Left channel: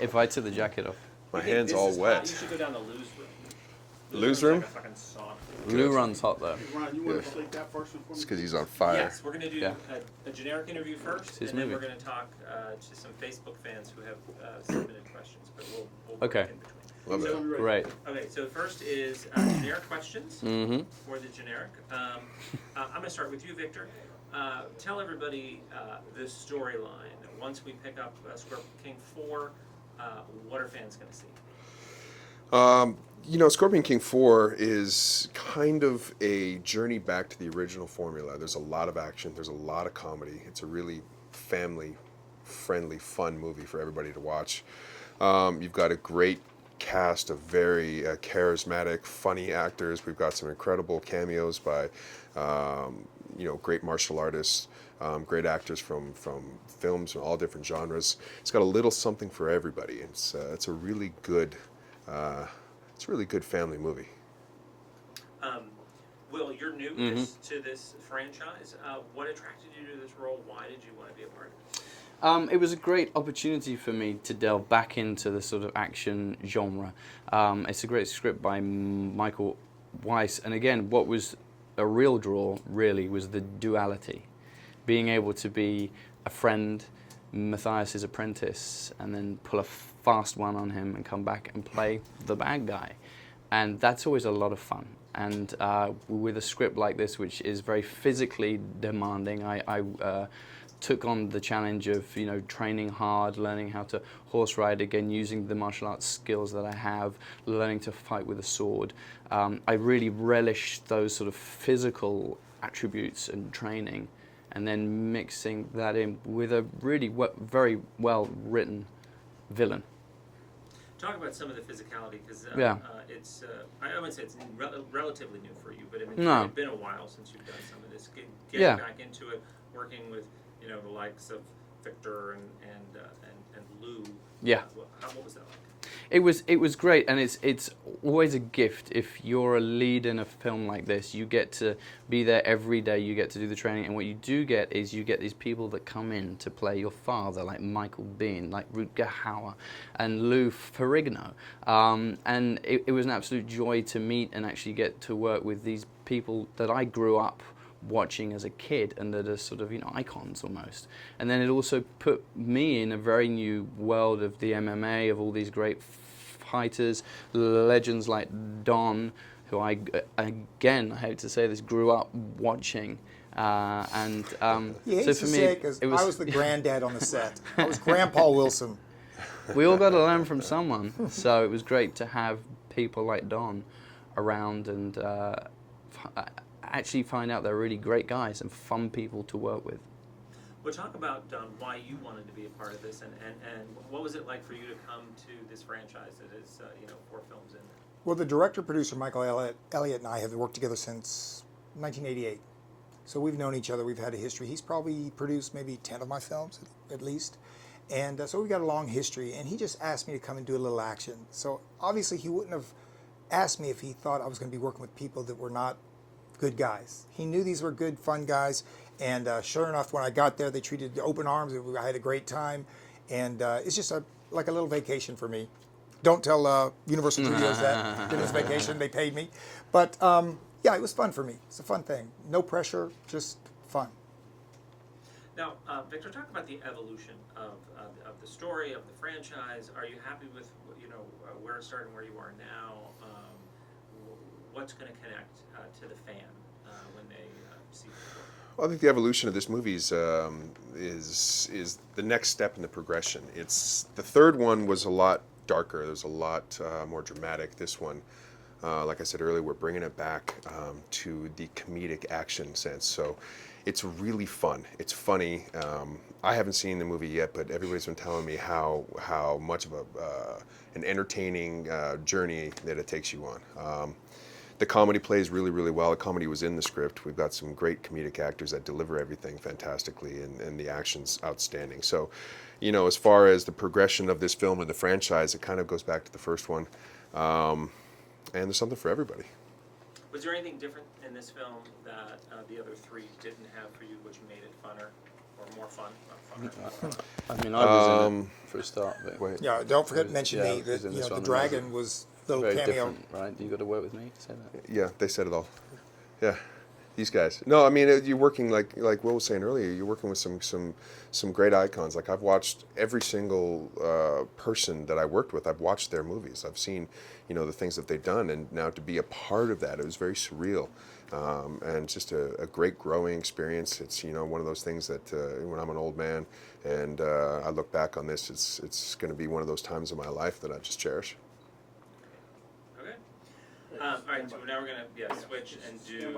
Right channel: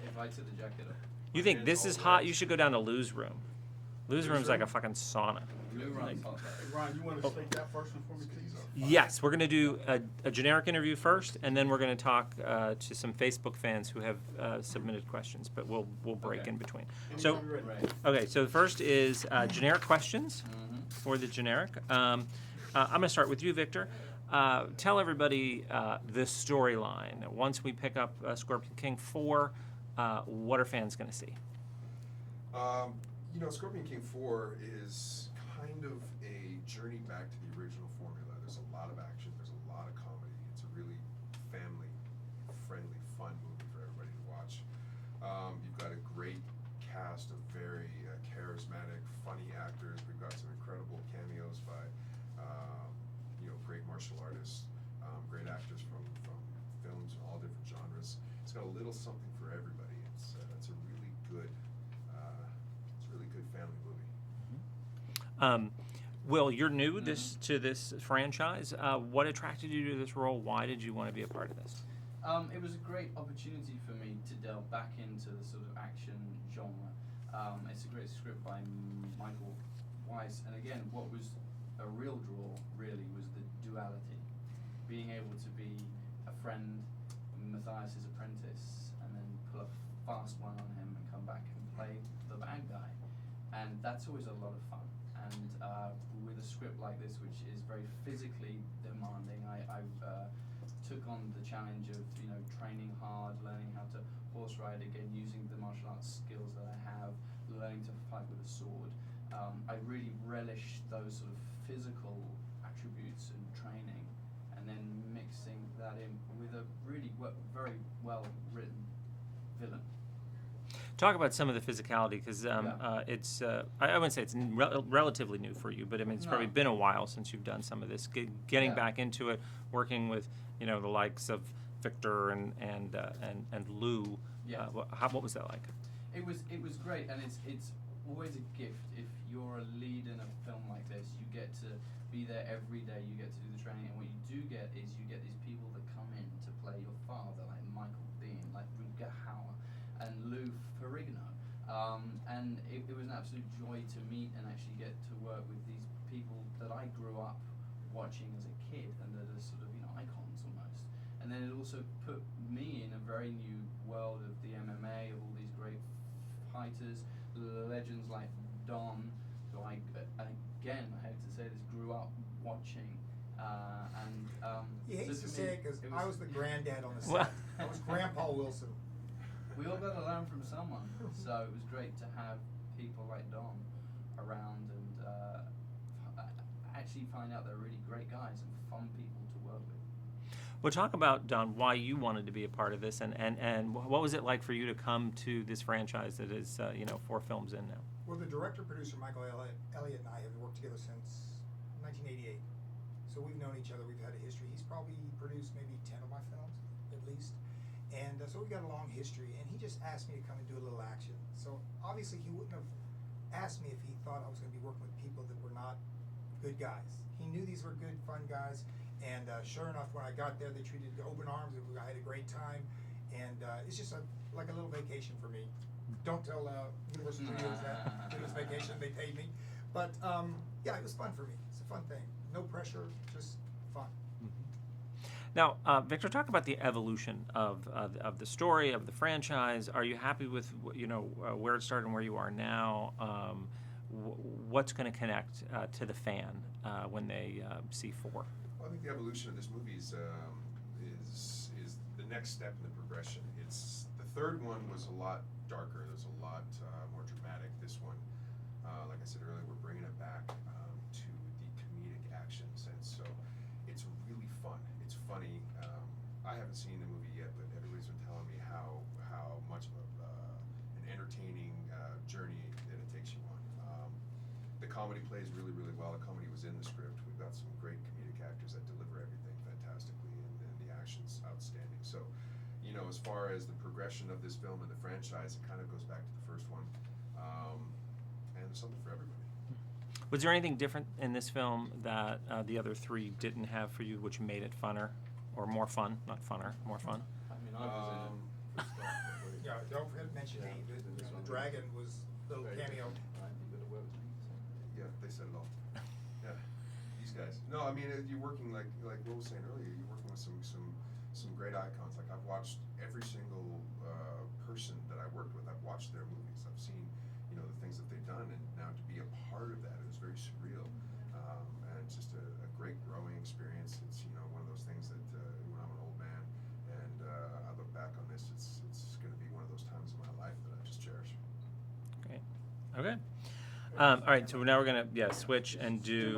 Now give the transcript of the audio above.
if I took the jacket off. You think this is hot? You should go down to Lou's room. Lou's room's like a fucking sauna. Lou runs hot though. Ryan, you want to take that first one for me? It's because he's on fire. Yes, we're going to do a generic interview first, and then we're going to talk to some Facebook fans who have submitted questions, but we'll break in between. So, Great. okay, so the first is generic questions for the generic. I'm going to start with you, Victor. Tell everybody the storyline. Once we pick up Scorpion King 4, what are fans going to see? Scorpion King 4 is kind of a journey back to the original formula. There's a lot of action. There's a lot of comedy. It's a really family-friendly, fun movie for everybody to watch. You've got a great cast of very charismatic, funny actors. We've got some incredible cameos by, great martial artists, great actors from films in all different genres. It's got a little something for everybody. It's a really good. It's a really good family movie. Will, you're new to this franchise. What attracted you to this role? Why did you want to be a part of this? It was a great opportunity for me to delve back into the sort of action genre. It's a great script by Michael Weiss, and again, what was a real draw really was the duality, being able to be a friend, Matthias's apprentice, and then pull a fast one on him and come back and play the bad guy, and that's always a lot of fun. And with a script like this, which is very physically demanding, I took on the challenge of training hard, learning how to horse ride again, using the martial arts skills that I have, learning to fight with a sword. I really relished those sort of physical attributes and training, and then mixing that in with a really very well written villain. Talk about some of the physicality, because it's, I wouldn't say it's relatively new for you, but I mean, it's been a while since you've done some of this. Getting back into it, working with, the likes of Victor and Lou. Yeah. What was that like? It was great, and it's always a gift if you're a lead in a film like this. You get to be there every day. You get to do the training, and what you do get is you get these people that come in to play your father, like Michael Biehn, like Rutger Hauer, and Lou Ferrigno. And it was an absolute joy to meet and actually get to work with these people that I grew up watching as a kid, and that are sort of icons almost. And then it also put me in a very new world of the MMA, of all these great fighters, legends like Don, who I hate to say this, grew up watching. He hates to say it because I was the granddad on the set. I was Grandpa Wilson. We all got to learn from someone, so it was great to have people like Don around and actually find out they're really great guys and fun people to work with. Well, talk about, Don, why you wanted to be a part of this, and what was it like for you to come to this franchise that is 4 films in now? Well, the director-producer, Michael Elliott, and I have worked together since 1988. So we've known each other. We've had a history. He's probably produced maybe 10 of my films, at least. And so we've got a long history. And he just asked me to come and do a little action. So obviously he wouldn't have asked me if he thought I was going to be working with people that were not good guys. He knew these were good, fun guys. And sure enough, when I got there, they treated the open arms. I had a great time. And it's just like a little vacation for me. Don't tell Universal Studios that. It was vacation. They paid me. But yeah, it was fun for me. It's a fun thing. No pressure, just fun. Now, Victor, talk about the evolution of the story, of the franchise. Are you happy with where it started and where you are now? What's going to connect to the fan when they see 4? Well, I think the evolution of this movie is the next step in the progression. The third one was a lot darker. There's a lot more dramatic. This one, like I said earlier, we're bringing it back to the comedic action sense. So it's really fun. It's funny. I haven't seen the movie yet, but everybody's been telling me how much of an entertaining journey that it takes you on. The comedy plays really, really well. The comedy was in the script. We've got some great comedic actors that deliver everything fantastically, and the action's outstanding. So, as far as the progression of this film and the franchise, it kind of goes back to the first one. And there's something for everybody. Was there anything different in this film that the other 3 didn't have for you, which made it funner or more fun? Not funner, more fun. I mean, I was in it for a start. But Wait. Yeah, don't forget to mention Yeah, me. That, he's in you this know, the one, dragon right? was the little very cameo. different, right? You got to work with me to say that. Yeah, they said it all. Yeah, these guys. No, I mean you're working like Will was saying earlier. You're working with some great icons. Like I've watched every single person that I worked with. I've watched their movies. I've seen the things that they've done, and now to be a part of that, it was very surreal. And just a great growing experience. It's one of those things that when I'm an old man and I look back on this, it's going to be one of those times of my life that I just cherish. Great. Okay. All right. So now we're gonna switch and do